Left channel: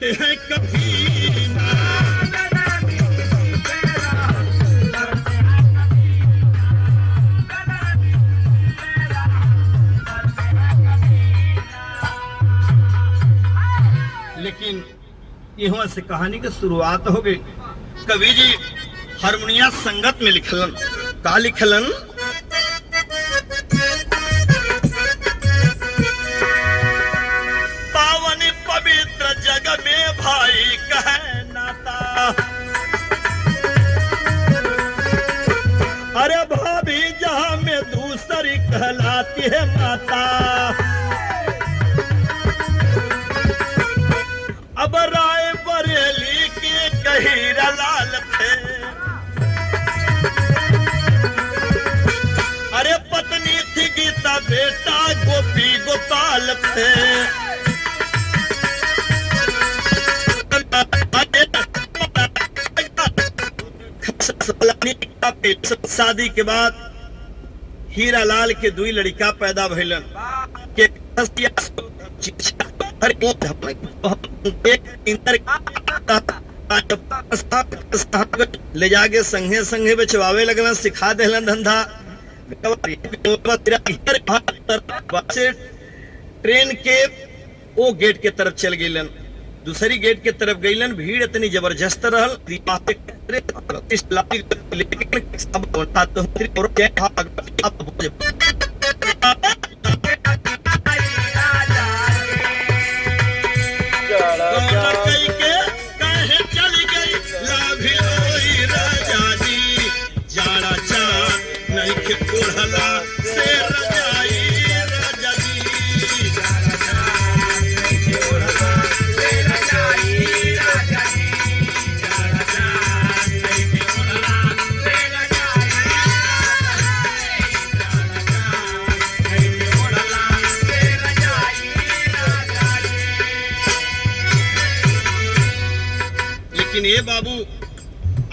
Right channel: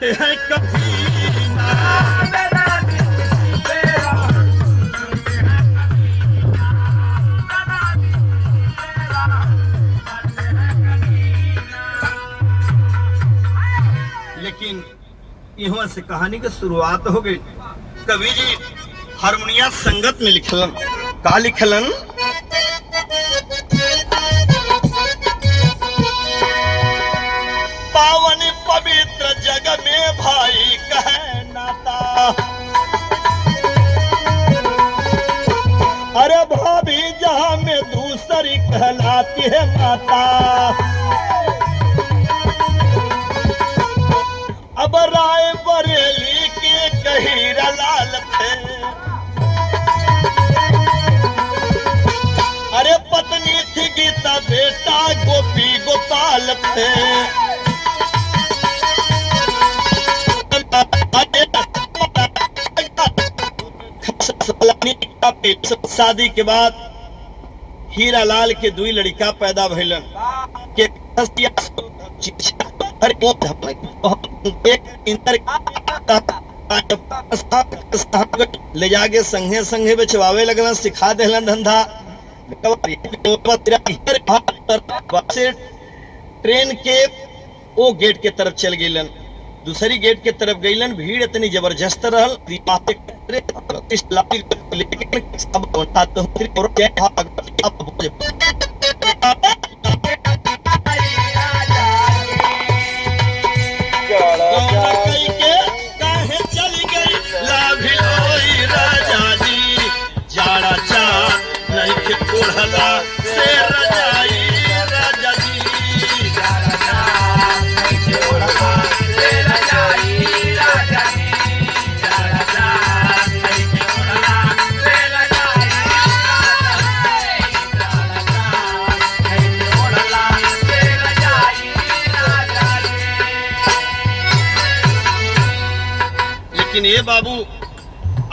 करते हैं कभी ना। लेकिन यहाँ से कहानी की शुरुआत हो गई। कवि जी हारमोनिया संगत में लिखलन, का लिखलन, पावन पवित्र जग में भाई कहे नाता, अरे भाभी जहां में दूसरी कहलाती है माता। अब राय बरेली के कहीरा लाल थे, अरे पत्नी थी गीता, बेटा गोपी गोपाल थे। शादी के बाद हीरा लाल के दुई लड़का पैदा भइलन के ले जाके संगे संगे बेचवावे लगलन, सिखा देलन धंधा। ट्रेन के वो गेट के तरफ चल गईलन, दूसरी गेट के तरफ गईलन। भीड़ इतनी जबरदस्त रहल, ये बाबू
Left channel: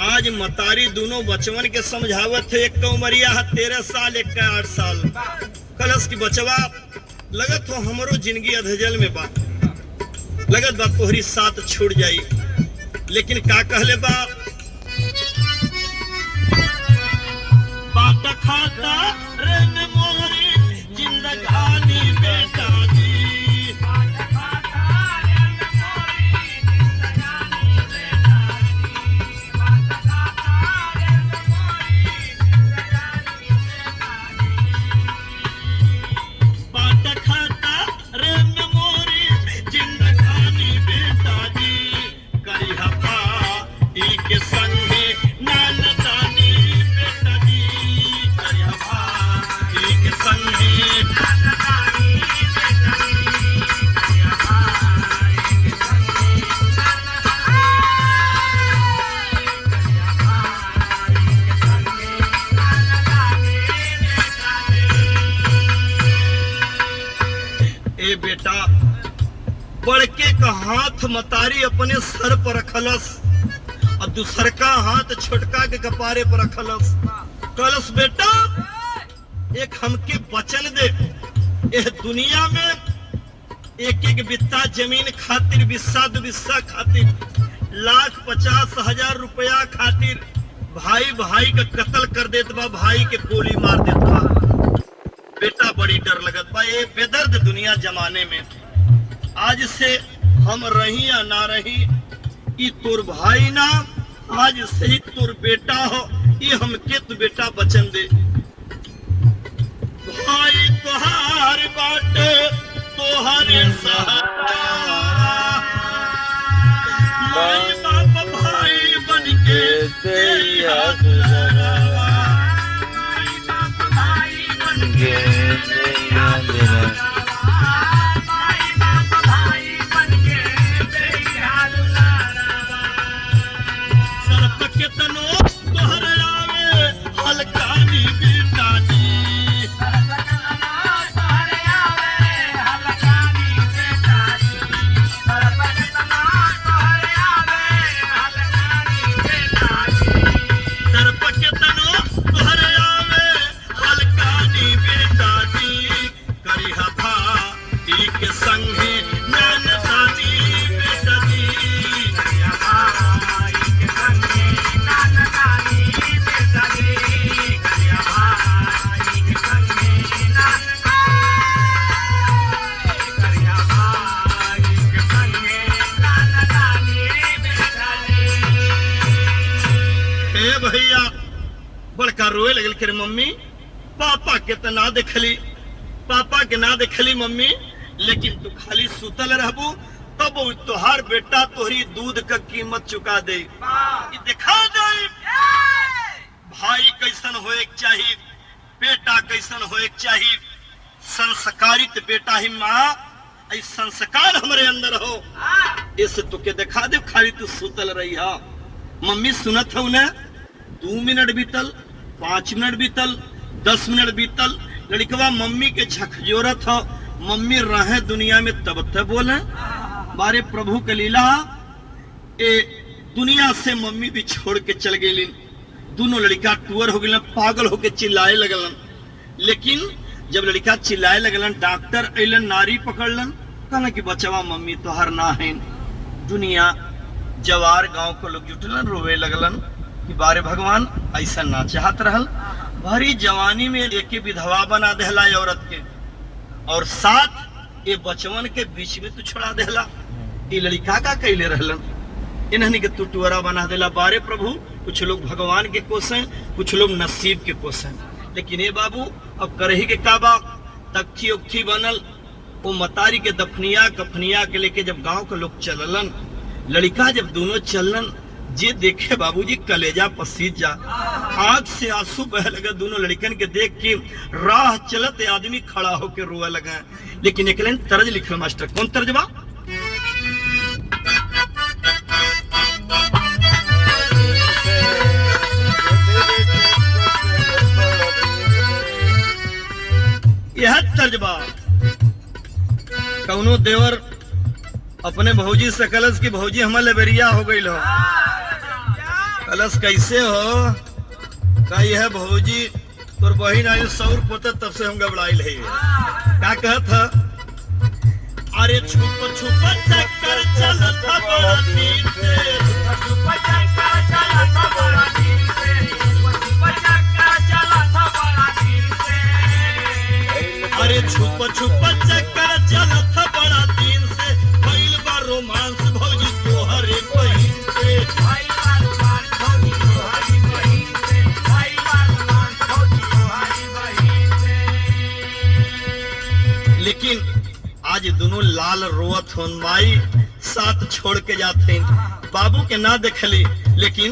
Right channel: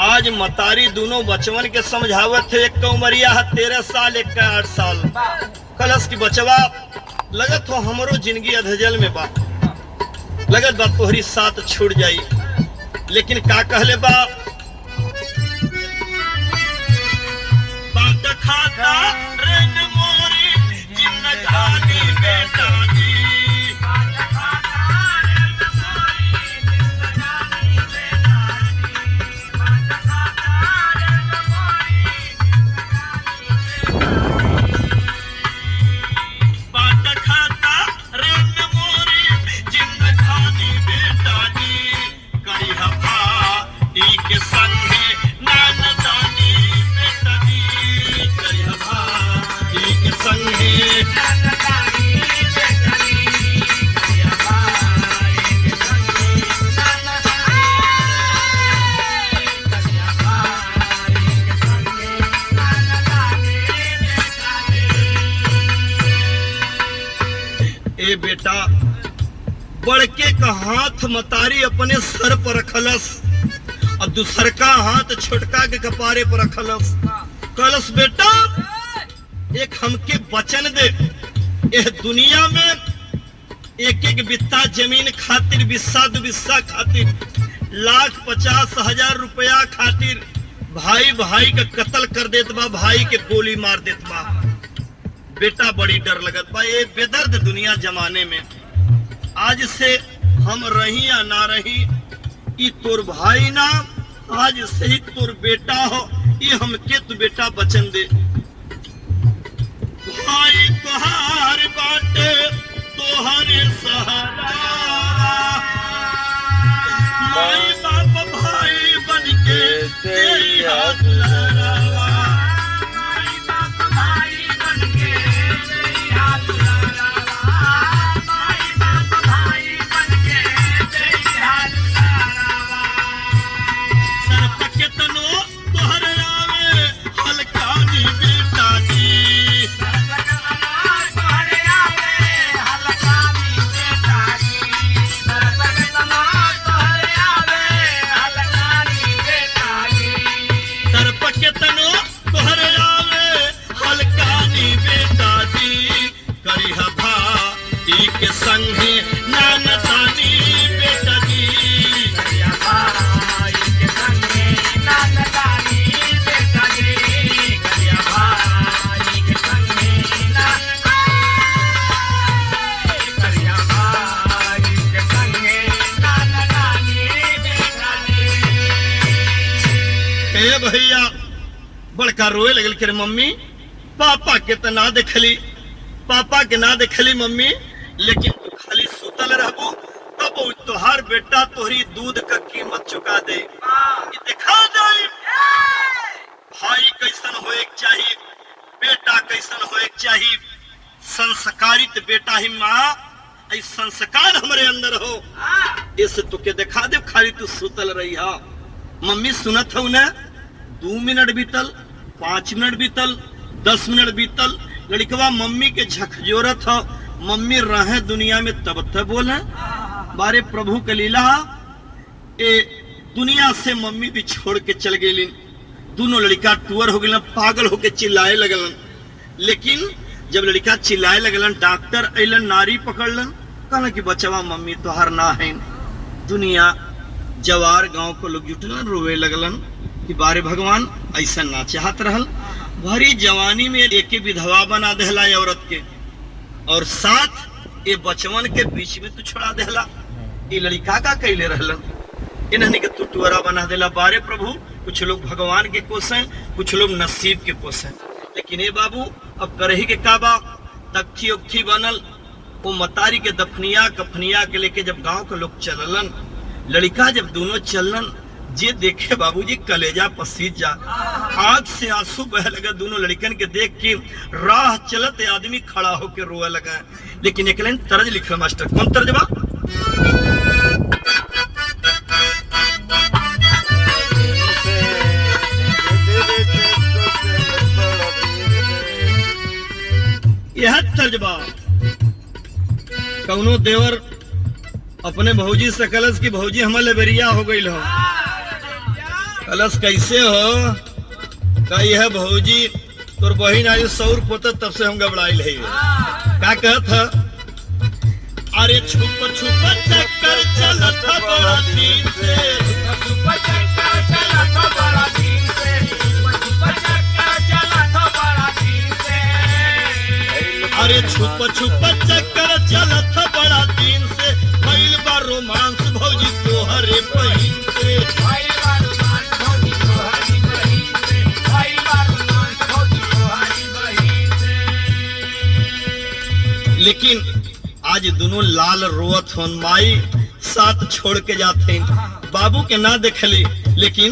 आज मतारी दोनों बचवन के समझावत थे। एक का उमरिया है 13 साल, एक का 8 साल। कलश की बचवा लगत हो हमरो जिंदगी अधजल में बा, लगत बा तोहरी साथ छूट जाई। लेकिन का कहले बा, बात खाता रंग मोरी जिंदगानी बेटा दी। बेटा बड़के का हाथ मतारी अपने सर पर रखलस और दूसर का हाथ छोटका के कपारे पर रखलस। कलस बेटा एक हमके वचन दे, यह दुनिया में एक एक बित्ता जमीन खातिर, बिस्सा दो बिस्सा खातिर, 1,50,000 रुपया खातिर भाई भाई का कत्ल कर देत बा, भाई के गोली मार देत बा। बेटा बड़ी डर लगत बा ये बेदर्द दुनिया जमाने में। आज से हम रही या ना रही, ई तोर भाई ना, आज से ही तोर बेटा हो, ये हमके तू बेटा वचन दे। भाई तोहार बाटे तोहरे सहारा, माई बाप भाई बनके तेरा सहारा। बड़का रोए लगल के मम्मी पापा के तो ना देखली, पापा के ना देखली मम्मी, लेकिन तू खाली सुतल रहबू तब तोहार बेटा तोहरी दूध का कीमत चुका दे। दिखा दे भाई कैसन होए चाहिए, बेटा कैसन होए चाहिए, संस्कारित बेटा ही माँ, ऐ संस्कार हमारे अंदर हो, इस तुके दिखा दे, खाली तू सुतल रही हा। मम्मी सुनत हो न, 2 मिनट बीतल, 5 मिनट बीतल, 10 मिनट बीतल, लड़कवा मम्मी के झकझोरत हो, मम्मी रहे दुनिया में तब तक बोले बारे प्रभु के लीला। ए दुनिया से मम्मी भी छोड़ के चल गई, दोनों लड़का टूअर हो गए, पागल होके चिल्लाए लगलन। लेकिन जब लड़का चिल्लाए लगलन, डॉक्टर अलन, नारी पकड़लन, कहलन कि बचवा मम्मी तोहार ना है। दुनिया जवार गांव को लोग जुटलन, रोवे लगलन कि बारे भगवान ऐसा ना चाहत रहल, भरी जवानी में एक विधवा बना देहला औरत के, और साथ ये बचवन के बीच में तू छोड़ा देहला। ये लड़का का कैले रहलन, इन्हने के तू टुअरा बना देला। बारे प्रभु कुछ लोग भगवान के कोस हैं, कुछ लोग नसीब के कोस हैं, लेकिन ये बाबू अब करही के काबा, तख्ती उख्ती बनल, वो मतारी के दफनिया कफनिया के लेके जब गांव के लोग चललन, लड़का जब दोनों चलन, जे देखे बाबूजी कलेजा पसीज जा, आंख से आंसू बह लगा दोनों लड़कन के देख के। राह चलत आदमी खड़ा होके रोए लगा। लेकिन एक लाइन तर्ज लिखल मास्टर, कौन तर्जबा? यह तर्जबा, कौनो देवर अपने भौजी से कलश की भौजी हमारे बेरिया हो गई हो, कलश कैसे हो, का यह भौजी तोर बहिन आई सौर पोता तब से हम घबराइल है। का कहत है? अरे छुप छुप चक्कर चलत बड़ा दिन से, छुप चक्कर चलत बड़ा दिन से, छुप चक्कर चलत बड़ा दिन से, अरे छुप छुप चक्कर चलत बड़ा दिन से, भइल बा रोमांस भौजी तोहरे बहिन से, भइल बा रोमांस भौजी तोहरी बहिन से, भइल बा रोमांस भौजी तोहरी बहिन से। लेकिन आज दोनों लाल रोवत होन, माई साथ छोड़ के जाते, बाबू के ना देखली, लेकिन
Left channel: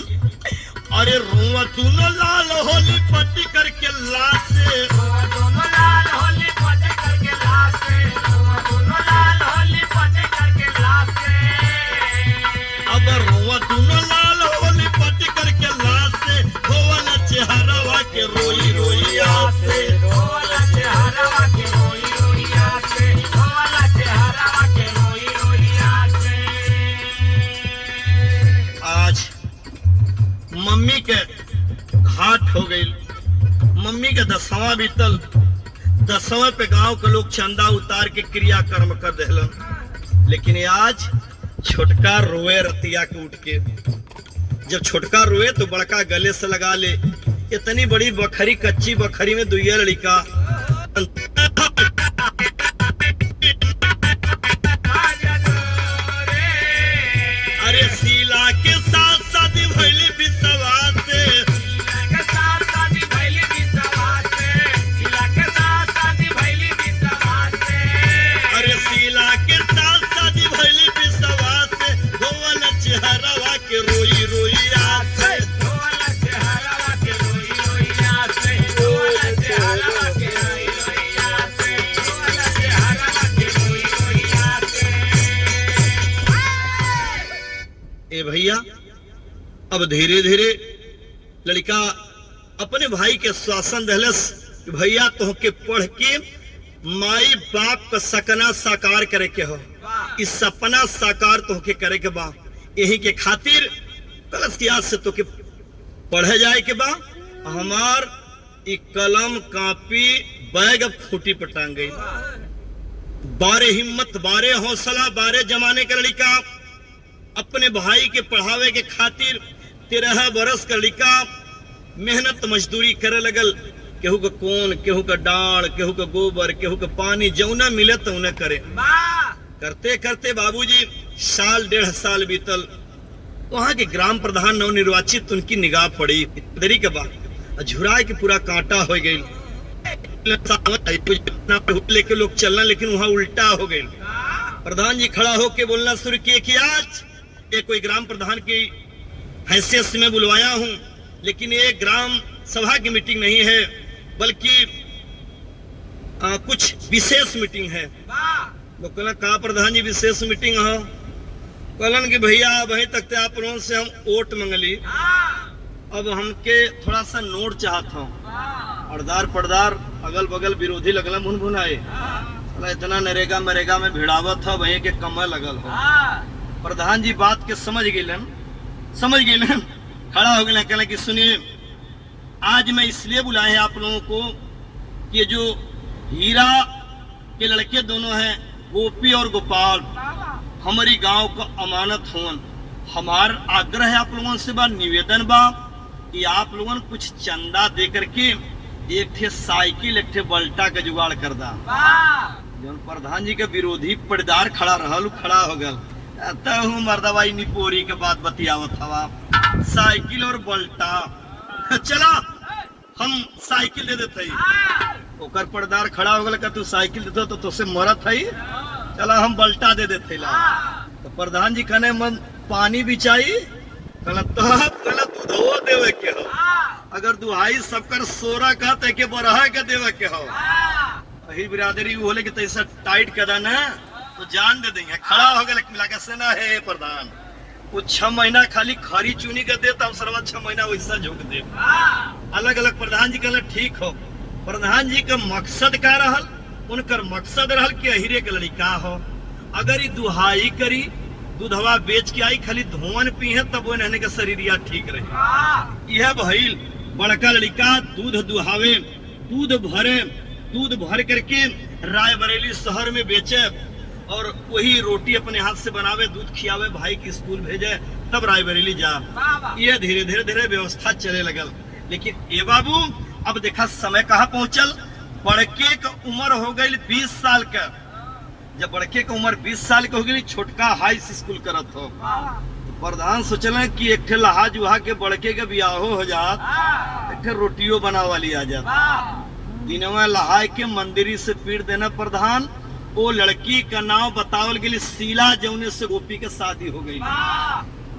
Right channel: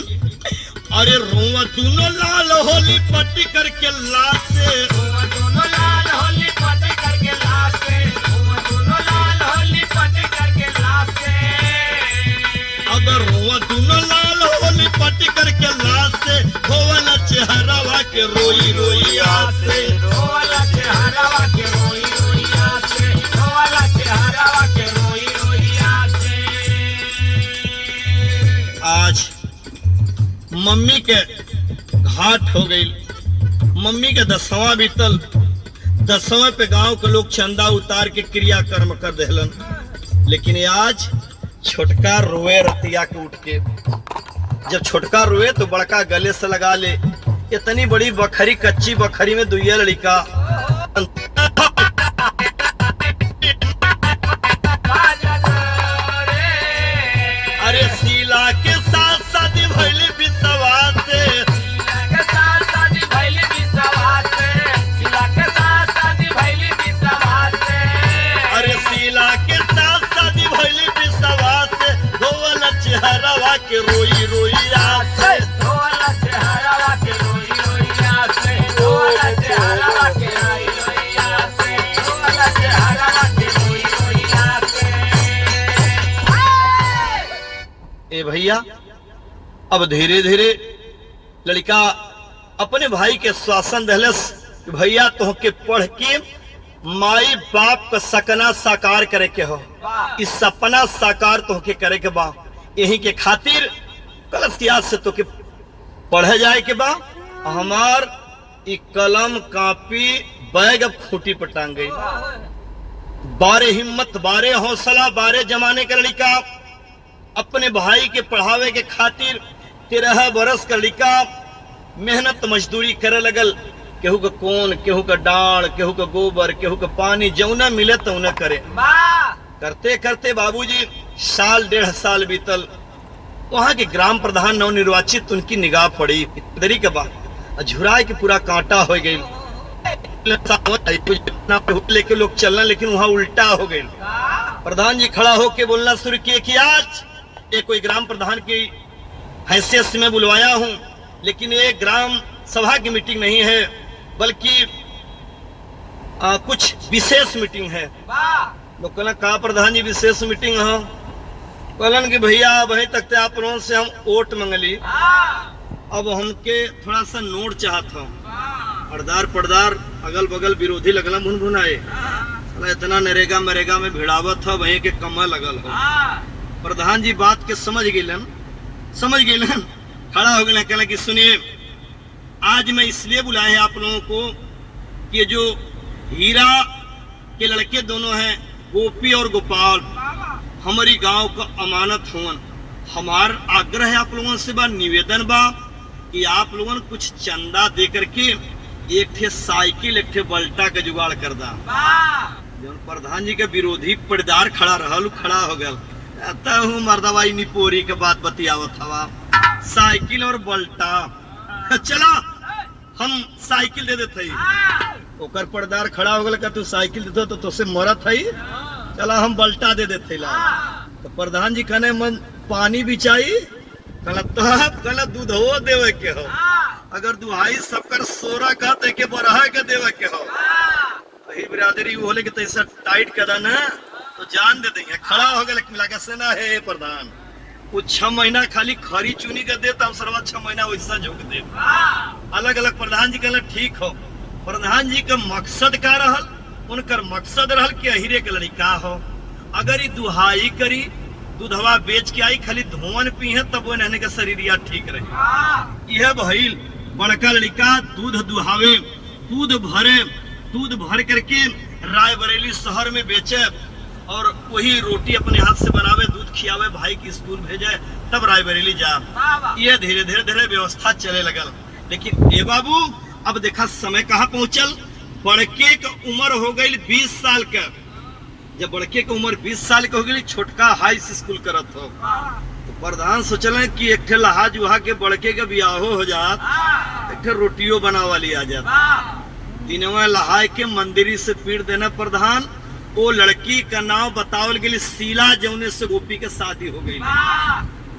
अरे रोवा दोनों लाल होली पट्टी करके लाश से, रोवा दोनों लाल होली पट्टी करके लाश से, रोवा दोनों लाल होली पट्टी करके लाश से, अब रोवा दोनों लाल होली पट्टी करके लाश से, होवला चेहरावा के रोई रोई आस से, होवला चेहरावा के रोई रोई आस से, होवला चेहरावा के रोई रोई आस से। आज मम्मी के घाट हो गई, मम्मी के 10वां बीतल, 10वें पे गांव के लोग चंदा उतार के क्रियाकर्म कर देहलन। लेकिन आज छोटका रोए रतिया के उठ के, जब छोटका रोए तो बड़का गले से लगा ले। इतनी बड़ी बखरी, कच्ची बखरी में दुइया लड़का, अरे सीला के साथ शादी भइल विश्वास से, सीला के साथ शादी भइल विश्वास से, सीला के साथ शादी भइल विश्वास से, अरे सीला के साथ शादी भइल विश्वास से, होवला चेहरावा के रोई रोई आस से, होवला चेहरावा के रोई रोई आस से, होवला चेहरावा के रोई रोई आस से, होवला चेहरावा के रोई रोई आस से। ए भैया, अब धीरे धीरे लड़का अपने भाई के शासन दहलस कि भैया तोहके पढ़ के माई बाप का सपना साकार करे के हो, इस सपना साकार तोहके करे के बा, यही के खातिर कलश की आज से तोहके पढ़े जाए के बा। हमार ई कलम कापी बैग अब खूंटी पर टांग गई। बारे हिम्मत, बारे हौसला, बारे जमाने का लड़का अपने भाई के पढ़ावे के खातिर 13 बरस का लड़का मेहनत मजदूरी करे लगल। केहू का कोन, केहू का डांड, केहू का गोबर, केहू का पानी, जौना मिले तो उन्हें करे। करते करते बाबूजी साल 1.5 साल बीतल। वहां के ग्राम प्रधान नवनिर्वाचित, उनकी निगाह पड़ी दरी के बाद झुराए के पूरा कांटा हो गई। लेके लोग चलना, लेकिन वहां उल्टा हो गए। प्रधान जी खड़ा होके बोलना शुरू किए कि आज ये कोई ग्राम प्रधान की हैसियत से मैं बुलवाया हूं, लेकिन ये ग्राम सभा की मीटिंग नहीं है, बल्कि कुछ विशेष मीटिंग है। लोग कहना कहा प्रधान जी विशेष मीटिंग हो? कहलन कि भैया वहीं तक थे आप लोगों से हम वोट मंगली, अब हमके थोड़ा सा नोट चाहत हूँ। पर्दार अगल बगल विरोधी लगल भुनभुनाए, इतना नरेगा मरेगा में भिड़ावत था, वहीं के कमल लगल हो। प्रधान जी बात के समझ गए, खड़ा हो गए, कहना कि सुनिए आज मैं इसलिए बुलाए हैं आप लोगों को कि ये जो हीरा के लड़के दोनों हैं गोपी और गोपाल, हमारी गांव का अमानत होन। हमार आग्रह है आप लोगों से, बा निवेदन बा कि आप लोगों कुछ चंदा दे करके एक ठे साइकिल एक ठे बल्टा का जुगाड़ कर दा। जब प्रधान जी के विरोधी पर्दार खड़ा हो गया, कहता हूँ मर्दवाई निपोरी के बात बतियावत हवा, साइकिल और बल्टा चला हम साइकिल दे देते। ओकर पर्दार खड़ा हो गया, तू साइकिल देते तो तुझसे मरत है, चला हम बल्टा दे देते। तो प्रधान जी कहने मन पानी बिचाई, कहला दूधो देवे के हो, अगर दुहाई सबकर सोरा का ते के बरहा के देवे के हो। वही बिरादरी बोले कि तैसा टाइट कर ना तो जान दे देंगे। खड़ा हो गया लगा से ना है प्रधान, वो 6 महीना खाली खरी चुनी कर देता हम सर्वा 6 महीना वैसा झुक दे। अलग अलग प्रधान जी कहला ठीक हो। प्रधान जी का मकसद क्या रहल? उनकर मकसद रहल कि अहिरे के लड़का हो, अगर ये दुहाई करी दूधवा बेच के आई खाली धोवन पी है तब वो रहने का शरीरिया ठीक रहे। यह भइल बड़का लड़का दूध दुहावे, दूध भर करके रायबरेली शहर में बेचे और वही रोटी अपने हाथ से बनावे, दूध खियावे, भाई की स्कूल भेजे, तब रायबरेली जा। ये धीरे धीरे व्यवस्था चले लगल। लेकिन ए बाबू अब देखा समय कहाँ पहुंचल, बड़के का उम्र हो गई 20 साल का। जब बड़के का उम्र 20 साल का हो गई, छोटका हाई स्कूल करत हो, तो प्रधान सोचल कि एक ठे लहा जुहा के बड़के के बियाहो हो जात, एक ठे रोटियो बनावा ली आ जात। दिनवा लहाय के मंदिरी से पीट देना प्रधान, वो लड़की का नाम बतावल गई शीला, जौने से गोपी के शादी हो गई,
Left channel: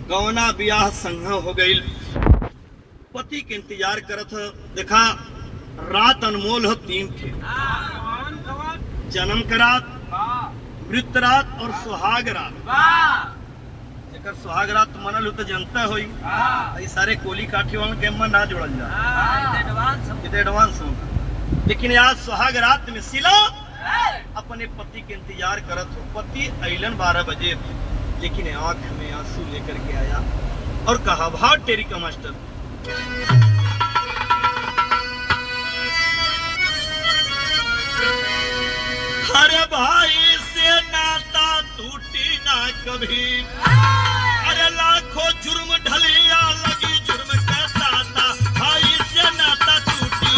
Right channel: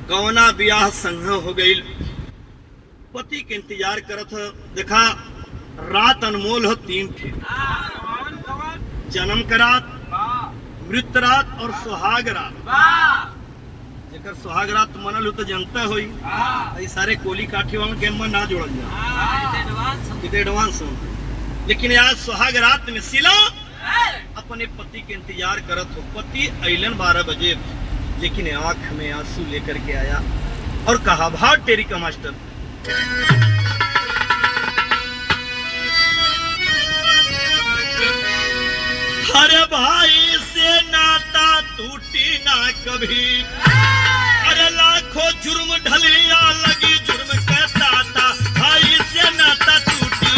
गौना ब्याह संग हो गई। पति के इंतजार करत हो। देखा रात अनमोल हो 3 थे, जन्म का रात, मृत रात और सुहाग रात। जेकर सुहाग रात मनल हो तो जनता हुई, सारे कोली काठी वालों के मन ना जोड़ल जा एडवांस हो। लेकिन आज सुहाग रात में शीला अपने पति के इंतजार करत हो। पति अइलन 12 बजे, लेकिन आंख में आंसू लेकर के आया और कहा भाव टेरी का मास्टर, अरे भाई से नाता टूटी ना कभी, अरे लाखों जुर्म ढलिया लगी जुर्म कहता था, भाई से नाता टूटी।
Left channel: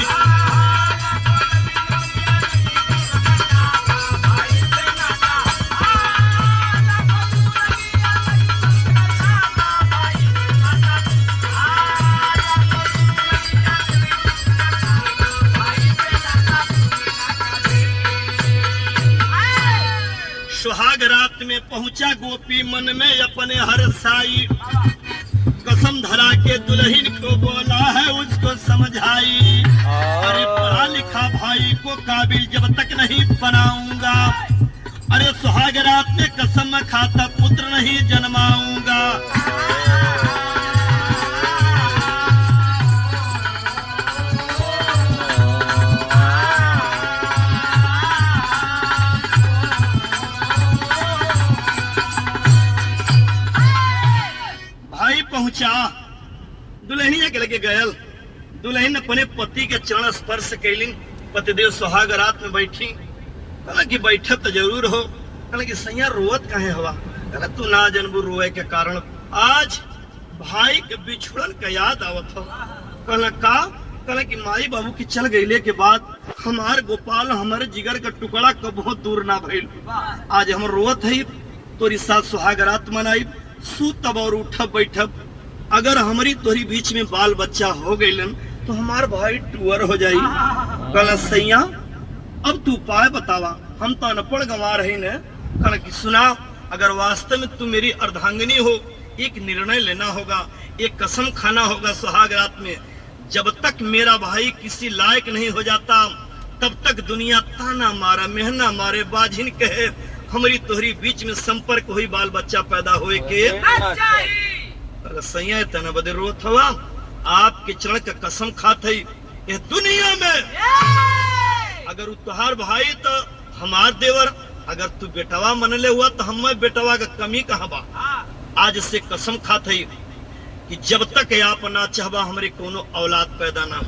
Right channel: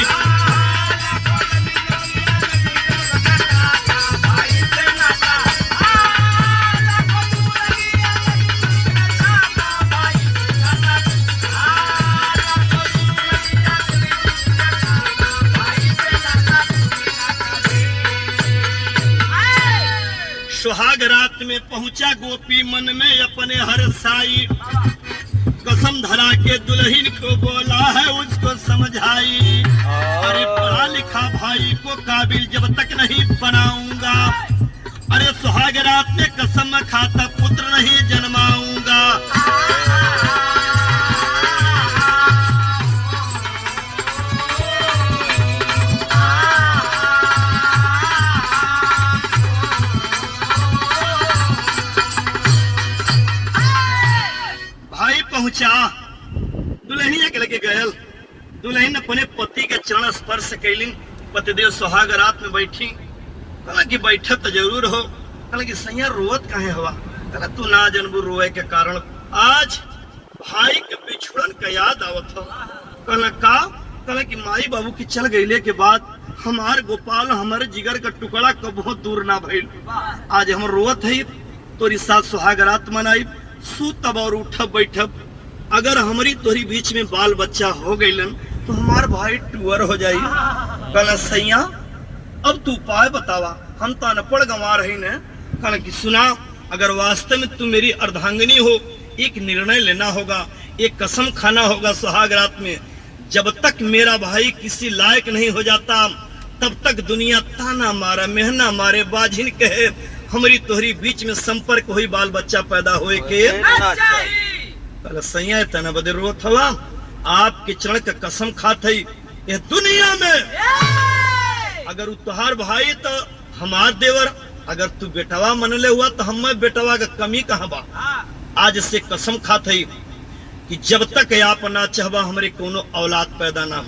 सुहाग रात में पहुंचा गोपी मन में अपने हर्षाई, कसम धरा के दुल्हन को बोला है उसको समझाई, अरे पढ़ा लिखा भाई को काबिल जब तक नहीं बनाऊंगा, अरे सुहाग रात में कसम खाता पुत्र नहीं जन्माऊंगा। पहुंचा दुल्हनिया के लगे गयल, दुल्हन अपने पति के चरण स्पर्श कैली। पतिदेव सुहाग रात में बैठी, कहला कि बैठत तो जरूर हो, कहला कि सैया रोवत काहे हवा, कहला तू ना जनबू रोए के कारण आज भाई के बिछुड़न का याद आवत हो। कहला का? कहला कि माई बाबू की चल गईले के बाद हमार गोपाल हमारे जिगर का टुकड़ा कबो दूर ना भइल, आज हम रोवत है तोरी साथ सुहाग रात मनाई, सूतब और उठब बैठब, अगर हमारी तोरी बीच में बाल बच्चा हो गईलन तो हमार भाई टूअर हो जाई। कल सैया अब तू उपाय बतावा, हम तो अनपढ़ गंवार है न। कन की सुना, अगर वास्तव में तू मेरी अर्धांगिनी हो, एक निर्णय लेना होगा, एक कसम खाना होगा सुहाग रात में, जब तक मेरा भाई किसी लायक नहीं हो जाता तब तक दुनिया ताना मारे मेहना मारे बाझिन कहे हमारी तोहरी बीच में संपर्क हुई, बाल बच्चा पैदा होए के कल सैया तना बदे रोत हवा। आपके चरण का कसम खात है यह दुनिया में अगर तुहार भाई तो हमार देवर, अगर तू बेटवा मनले हुआ तो हम बेटवा का कमी कहाँ बा। आज से कसम खात है कि जब तक आप ना चाहबा हमारे कोनो औलाद पैदा ना हो।